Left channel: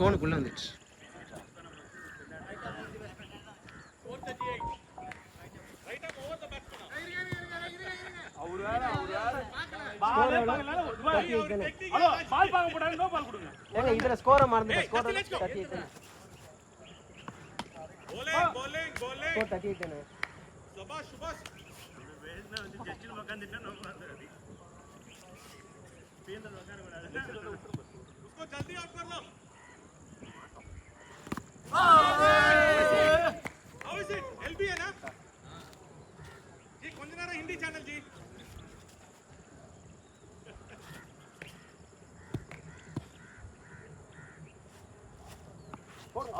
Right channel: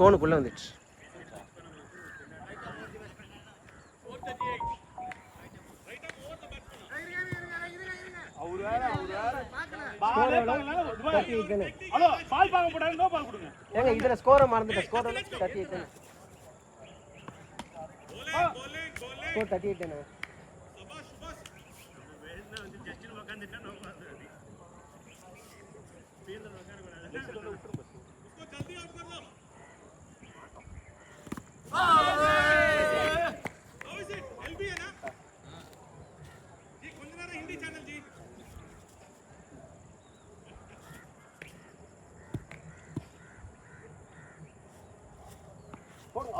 கோனுக்குள்ள வந்துச்சு. ஏங்க இதுல ஸ்கோரை மறந்துட்டேன். ஸ்கோர் 38. ஸ்கோர் 38. சபாஷ் சபாஷ். வேணா வந்து ஜட்ஜில உட்கார்ந்துட்டா நம்ம பாத்து. பேந்தல உட்கார கூடாது. उसको जल्दी आउट कर लो. How is it? एलबी है ना? हां. जी கொஞ்ச நேரம் हिंदी चैनल जी.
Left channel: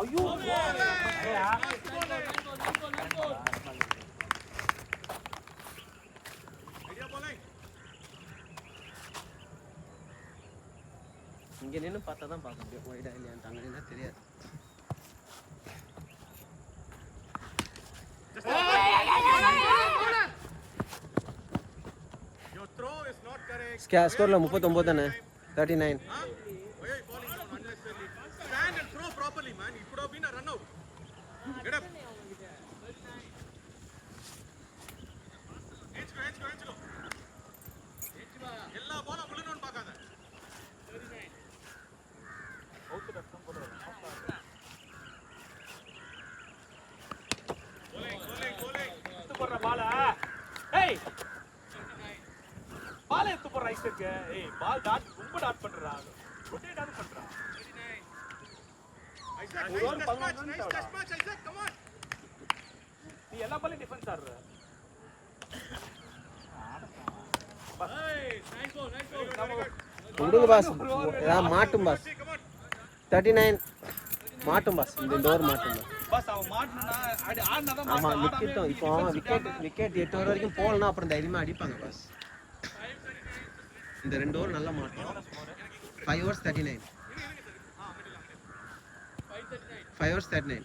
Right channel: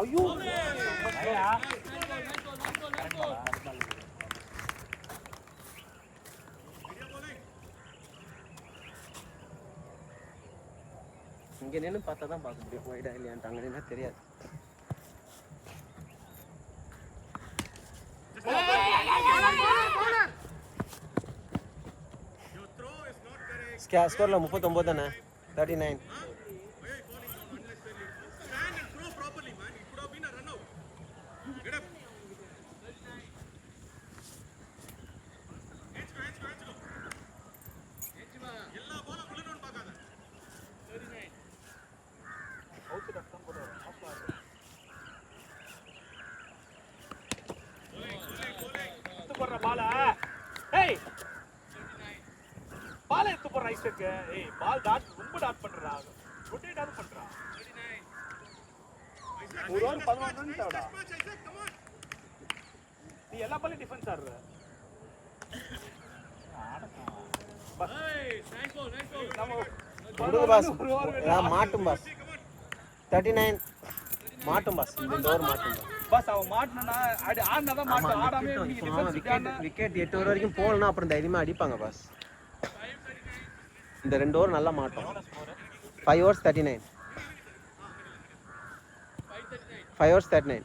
ஐயோ இங்க நின்னு பார்த்தா தான் பார்க்க முடியும் வைடா இல்லையான்னு. அங்க நின்னா தெரியாது. क्या स्कोर ला 39 தானே 39. ஏய் பால் டாட் ரொம்ப டாட் பண்றா. ரொட்டேட் டாட் பண்றா. 39. Isaac nice touch match Isaac come on. நீ எல்லா பாலும் டிஃபென்ஸ் ஆடுற. ஏய் நைஸ் கோல் நைஸ் கோல். குடு பாஸ். நான் மாட்டும் பாஸ். 39 மாட்டும் பாஸ். பாஸ் அவ மாட்னா ஆடுனா தான் மாட்ட. ஆடாமே விக்கெட் 8 ஓவர் வரைக்கும் போலனா அப்புறம் தைரியமா அடிப்பாங்க பாஸ். இந்த 2 ஓவர் நல்லா மாட்டோம். 5 overs 39. 5 overs 39.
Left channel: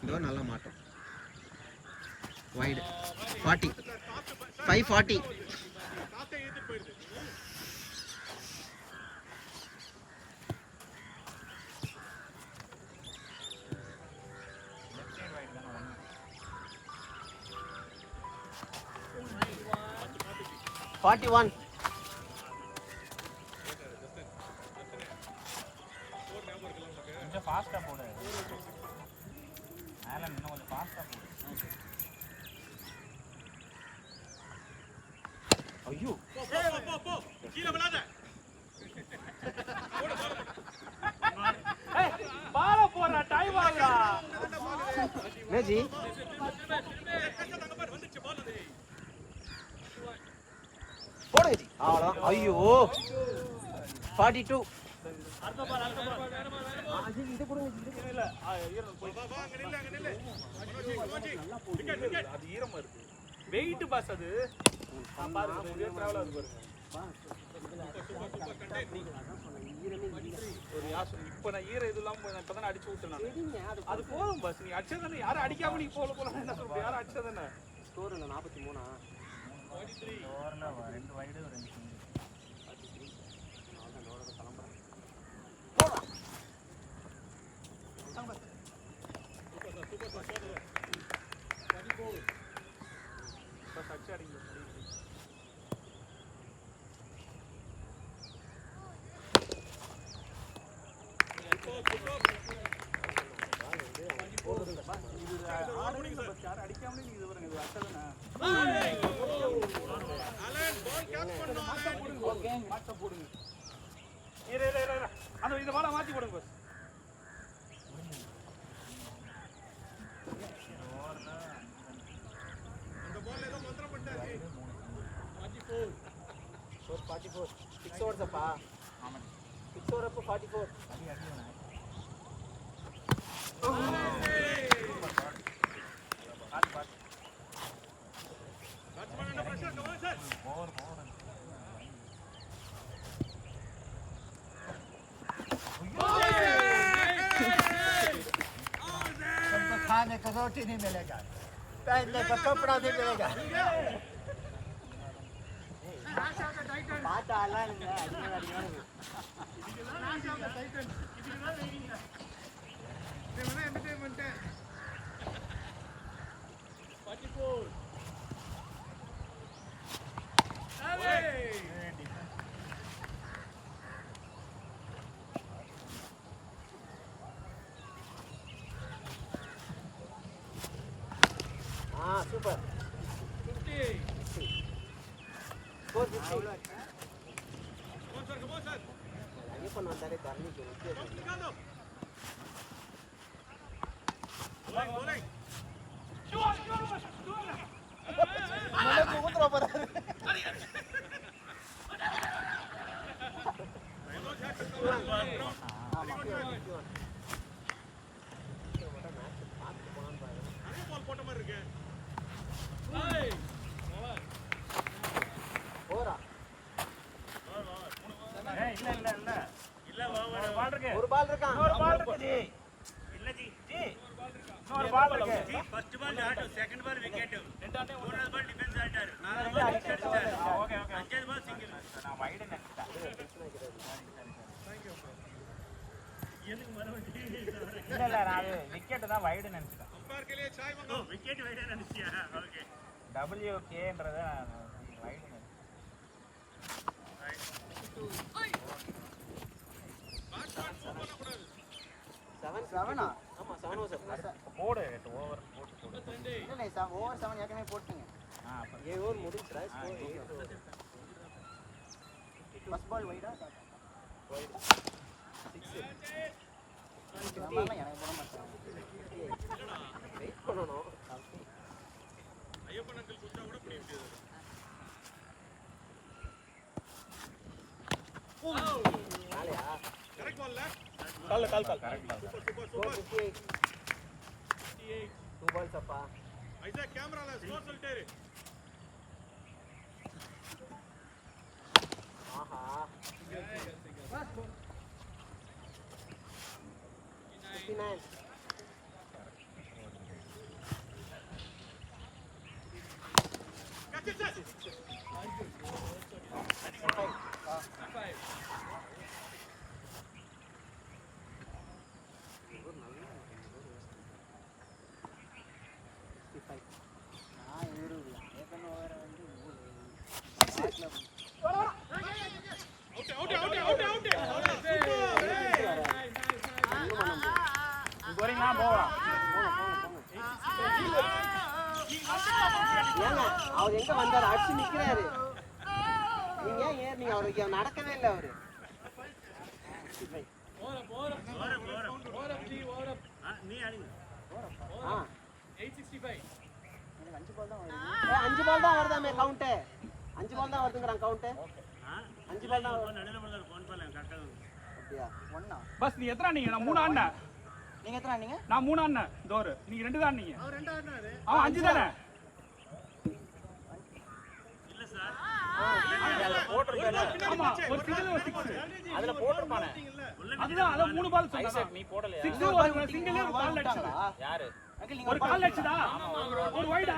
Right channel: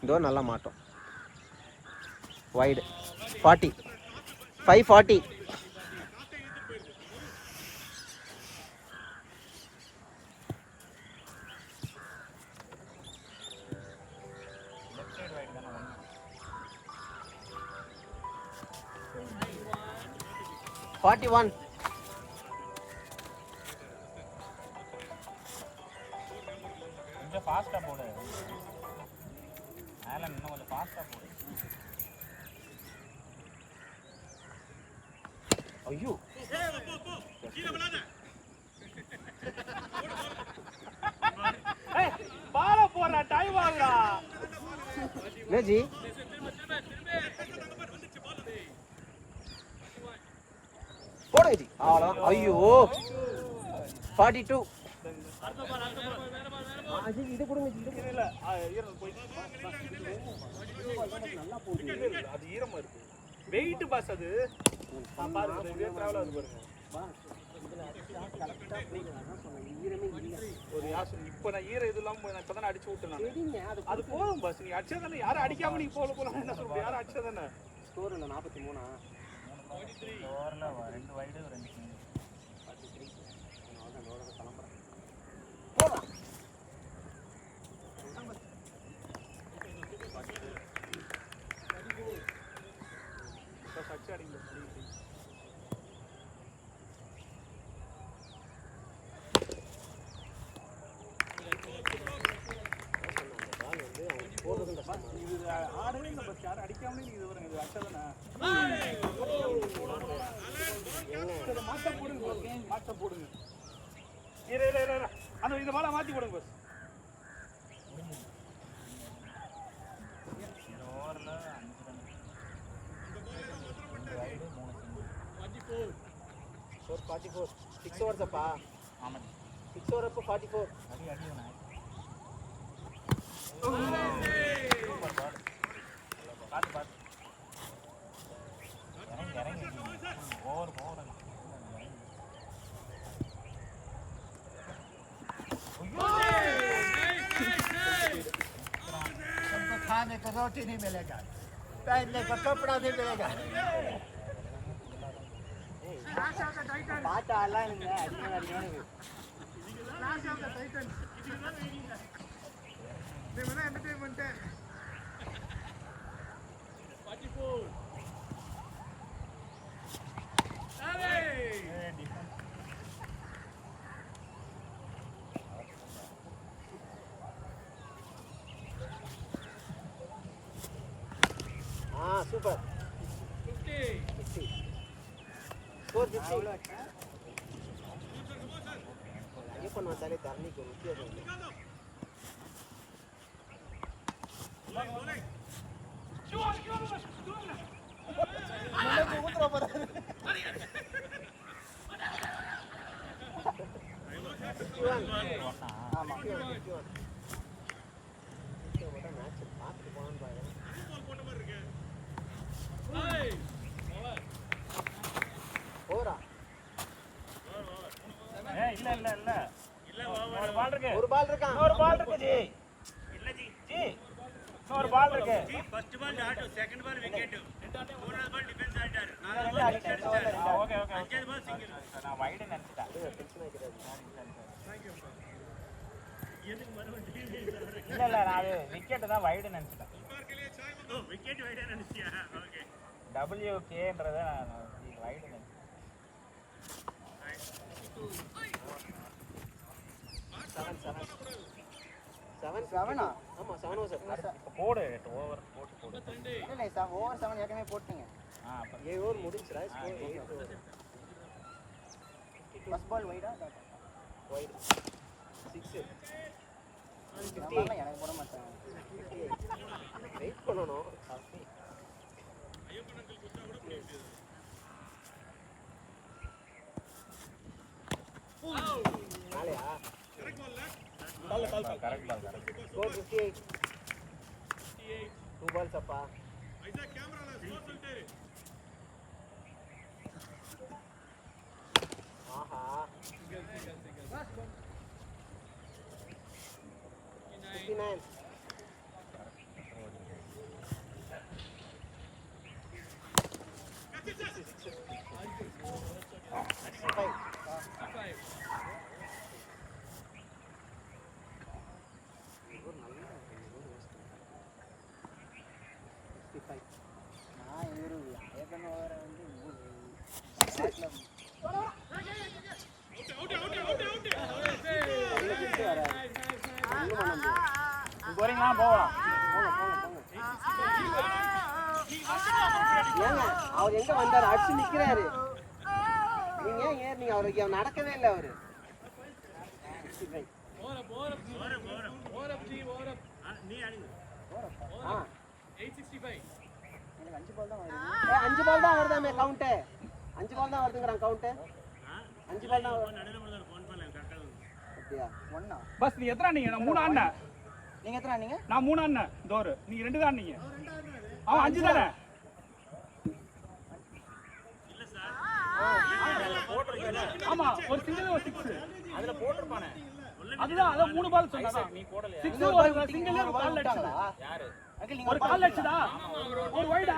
இந்த ஓவர் நல்லா மாட்டோம். வைட் 40. 540. கொஞ்சம் ஃபாஸ்டா போடு. மேல இன்னும் கொஞ்சம் ஃபாஸ்டா போடு. ஐயோ போ கீழ விழாத. ஏய் பால போறா டைம் ஆகுடா. மேஜி போடு ஜி. ஆடா ஐயோ 42. அடுத்த பால் வேற பால். இது கொடுங்க இது இல்ல ஈரம் போய் வா அங்க நில்ல விக்கெட் அது ஈரமா இருக்கு. வெயிட் பாஸ் அது. பாருங்க இது டிராவல் ஆகுது பாருங்க. ஒரு யாசம் இப்ப நான் ஈரம் இதெல்லாம் இப்பதான் அடிச்சு விட்டேன். அது போதும் பாஸ். நீ அடிச்சதானே யாரும் அடிக்காம நீ போலாம் என்ன சொல்ற? யாரும் அடிச்சதானே. ஸ்கோர் இல்ல 43. 43 ஓவர்ல 2 வைடு 2 இந்த பால மாத்தி போடுங்க பாஸ். இந்த பால் ஏதோ மாத்திர பண்ணாச்சு. 44 6 ஓவர்ஸ் அப்பா. ஆமா 6 ஓவர் அப்ப 44. அடி खाने को रोटी नहीं मिलेगा, पहनने को कपड़ा नहीं मिलेगा. Clash of the Titans. இதுதான் வெயிட்டிங். இது வேணா entertainment. 44. Hey! Super 50. 450 Come on, sir. Ayyappan வந்தாலே தண்ணிக்கு Complicado. ஊத்துற போறாரு போட்ட மாதிரி இருக்கு. Hey! போறா இல்ல ஓவர். ஒரு பால் இருக்கான் ஒரு பால் இருக்கு. ஜி first ball out, second ball wicket. மூணாவது பால் டிஃபென்ஸ் ஆயிட்டாரு. நாலாவது பால் சிக்ஸ் அடிச்சாரு. அஞ்சாவது பால் சிங்கிள். நான் வைட் நினைச்சேன். எதுக்கு மறுபடியும் இல்ல நான் விக்கெட் தான் வைடு நினைச்சேன். உட்கார் के लिए चाय मंगाओ. விக்கெட் வைடா நினைச்சியா? ஓகே. WKன்றத வைடு நினைச்சேன். செவனா ஆமா 7 ஓவர் போடு ஓவர் போட்டு 52. இல்ல ஓவர் 7 ஏற்கனவே போட்டுங்க 7 ஓவர் முடிஞ்சுடா ஃபர்ஸ்ட் பால் வைடா 6 வெயிட் பண்ணனும் ஐயப்பன் அங்கிள் குத்தா கூட பண்ணி விட்டது. கரெக்ட் பால்ல. கால் சூப்பர் சூப்பர் சூப்பர். 458 58. 2 பால்ஸ் அப்பா ஐசா கேமரால ஸ்கோர் சொல்லிட்டே இரு. ஆஹா Last ball. 59. 59 Catch it, sir. 65. போறீங்களா போகலாம். அவர் எங்க வந்தாரு அடிச்சு நிக்கிறாரு நீங்க ஏன் நீங்க அவருக்கு நடக்கவே இல்லை அவரு Over up, G, over up. நீ அடிங்க. Over up. 865. 5 பால் தான் வருதாமே கவுண்ட் 5 பால் தான் வருதுங்கறான் கவுண்ட் 5 பால் தான் நடுவுல போடுற ஃபோன் பண்ணல கரெக்ட்டா. அப்படியா ஒண்ணா பஸ் நீ எத்தனை நீங்க? நான் 3 ஆடுனேன். நீங்க எத்தனை நீங்க நான் 3 ஆடுனேன். டோர் நீங்க 2 தான் ஆடுனீங்க. அவர் 2 ஆடுனாரு அவன் 5 தானே? இல்ல சார். ஆமா, ஒரு சிங்கிள் ஒரு 6. அதுல போட்டுருப்பானே. அதுதான் அத 3 பால் சொன்னா. நீ போடலையா? 6 ஒரு சிங்கிள் ஒரு கால் அடிச்சதா? யாரு? ஒரு கால் அடிச்சதா? ஒரு வைடா?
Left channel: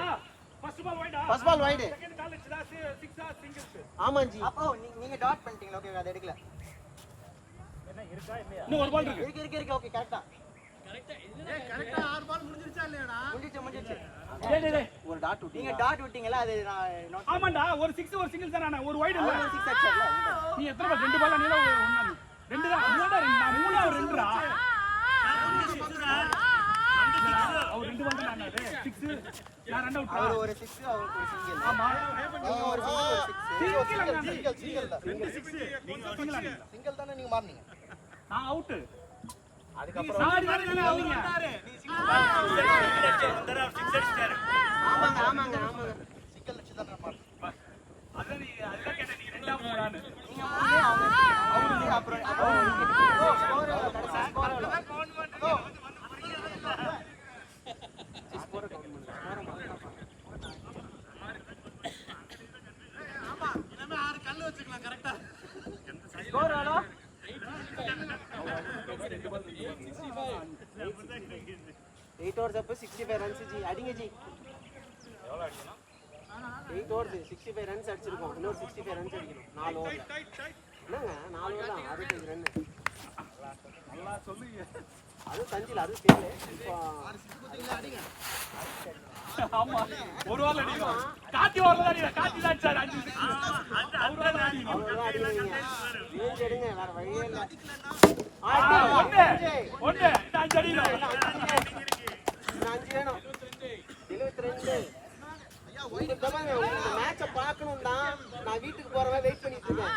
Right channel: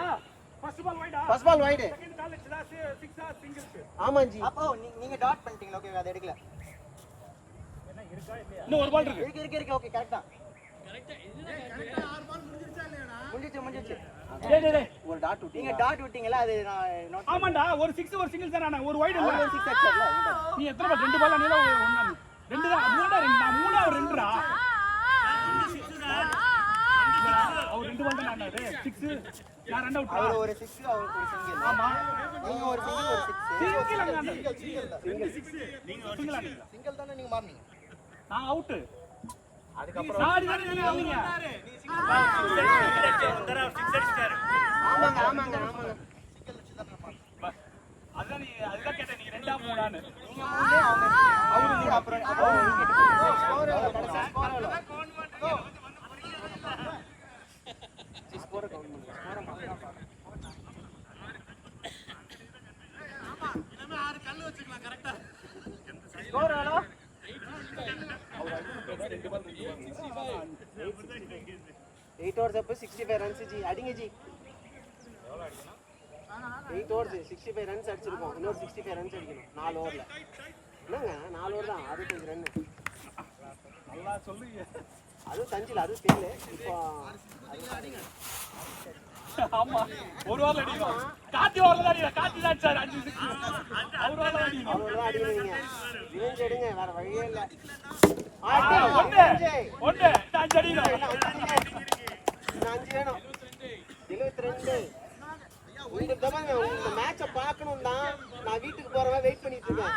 ஃபர்ஸ்ட் பால் வைடா? ஃபர்ஸ்ட் பால் வைட் செகண்ட் கால் அடிச்சதா? 6 சிங்கிள்ஸ். ஆமா ஜி அப்போ நீங்க டாட் பண்ணிட்டீங்க ஓகே அது எடுக்கல என்ன இருக்கா இல்லையா? இன்னும் ஒரு பால் இருக்கு. இருக்கு ஓகே கரெக்ட்டா கரெக்ட்டா 6 பால் முடிஞ்சிருச்சா இல்லையாடா? முடிஞ்சிச்சு டேய் ஒரு டாட் விட்டீங்க நீங்க டாட் விட்டீங்கல அது நான் நோட் ஆமாடா, ஒரு 6 ஒரு சிங்கிள் தானே, ஒரு வைட் இல்ல. ஒரு 6 அடிச்சல நீ எத்தனை பால்? 2 பால் நீல ஒண்ணு. 2 தான். 3 தான். நான் 3 ஒரு 2 டா. அவர் 2 பால் தான். 6 நான் 2 அவுட். அவர் ஒரு 6 அவருக்கு ஒரு சிங்கிள் ஆமா. ஒரு சிங்கிள் 6 நீங்க ஒரு 6. சிங்கிள் தானே நீங்க மார்னிங்க நான் அவுட். அதுக்கப்புறம் சாரி தானே அவர் வந்தாரு. நீ வந்தாரா 6 அடிச்சாரு. ஆமாங்க சிங்கிள் அடிச்சு தானே மார்னிங்க அதான் நீ அதுதான் கேட்ட நீ 2 மூணான்னு. அவரு அப்புறம் एट ओवर्स अब 65 रन्स जी அடிங்க ஜி எவ்வளவு அடிக்கணும்? 8 ओवर्स 65 रन्स அடிச்சிருக்கோம் இன்னும் 65 रन्स அடிக்கணும் 4 ஓவர்ல என்னங்க 4 ஓவர் தான் 65 ரன். நல்லா சொல்லுங்க. அது தஞ்சில அது ஃபெயில். இப்போ ஆமா ஒரு வாரம் அடிக்கும். காட்டி வரல அடிங்க. காட்டி தான் சார் 5 6. அவ்வளவுதான் அடிக்கிறீங்க. ரேஞ்ச் எடுங்க வேற வழியே இல்ல. ஒண்ணு 5 அடிங்க. 5 வேணும். 72. இந்த தடவை இந்த மேட்சை பார்க்கணும் தான் நான் வீட்டுக்கு போறவன் வெயிட் பண்ணிட்டு இருக்கேன்.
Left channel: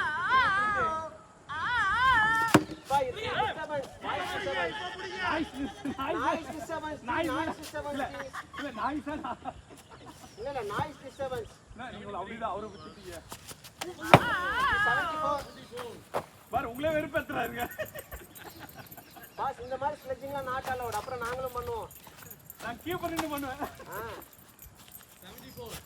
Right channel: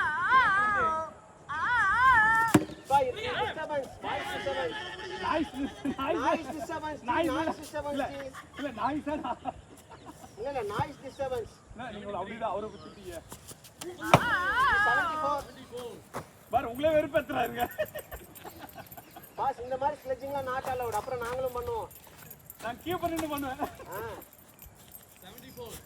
உங்களே வெறுப்பேத்துறாருங்க. இந்த மாதிரி ஸ்லெட்ஜிங்லாம் நாட் அலவுட். அப்புறம் நாங்களும் பண்ணுவோம். நான் கீப்பர் நின்னு பண்ணுவேன். 74.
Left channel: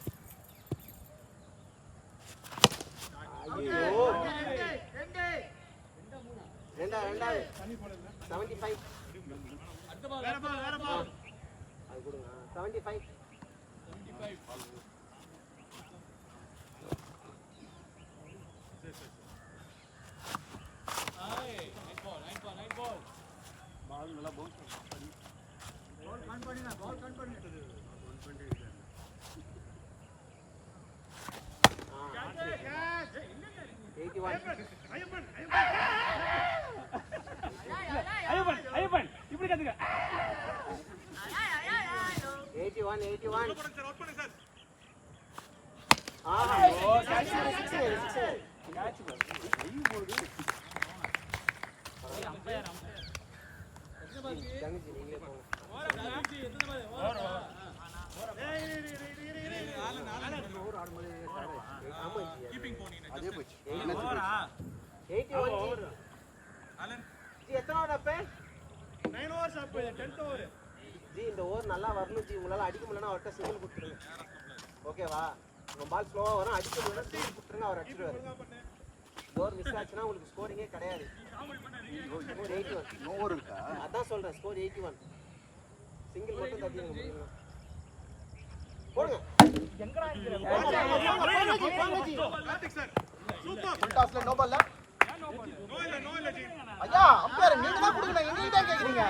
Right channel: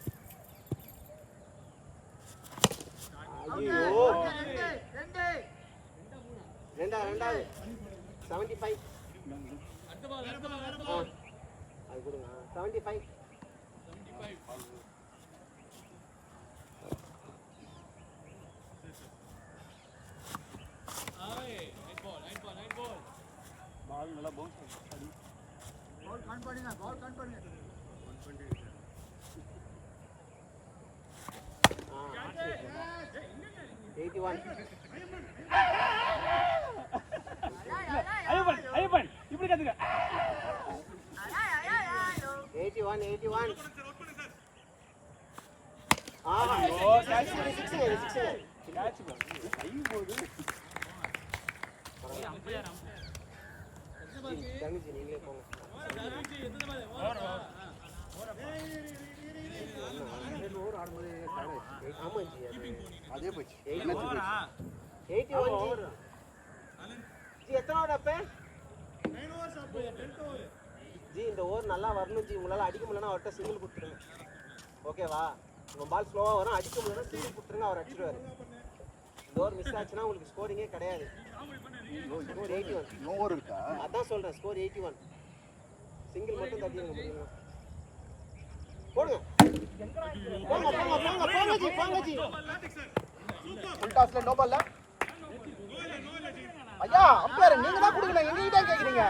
ரெண்டா 75. அடுத்த பால் வேற பால் அது கொடுங்க 75. நைட் பால் பால் நல்லா பவுன்ஸ் பண்ணி பால் கன் பண்ணு 81. ஐயப்பன் இப்படி கத்துங்க. 81. இந்த ஓவர் நல்லா வரணும் ஜி. உங்களால அடிக்க முடியலன்னா அவர்கிட்ட சிங்கிள் கொடுத்துருங்க. ஓகேவா? உங்க பால் ஸ்லோவா வரும். அடிக்க முடியல சிங்கிள் கொடுத்துருங்க. அவர் அடிச்சிடுவாரு. இந்த ஓவர் மிஸ் ஆச்சுன்னா உங்களுக்கு ஸ்கோரிங்கே கிடையாது. ஸ்கோர் 81. அதான் சொல்றேன் ஸ்கோர் 81. சிங்கிள் மட்டும் தட்டிடுங்க. போடுங்க. ஐயா அம்பையர் நீங்க தான் கொடுக்கணும். நீங்க தான் கேக்குறீங்க.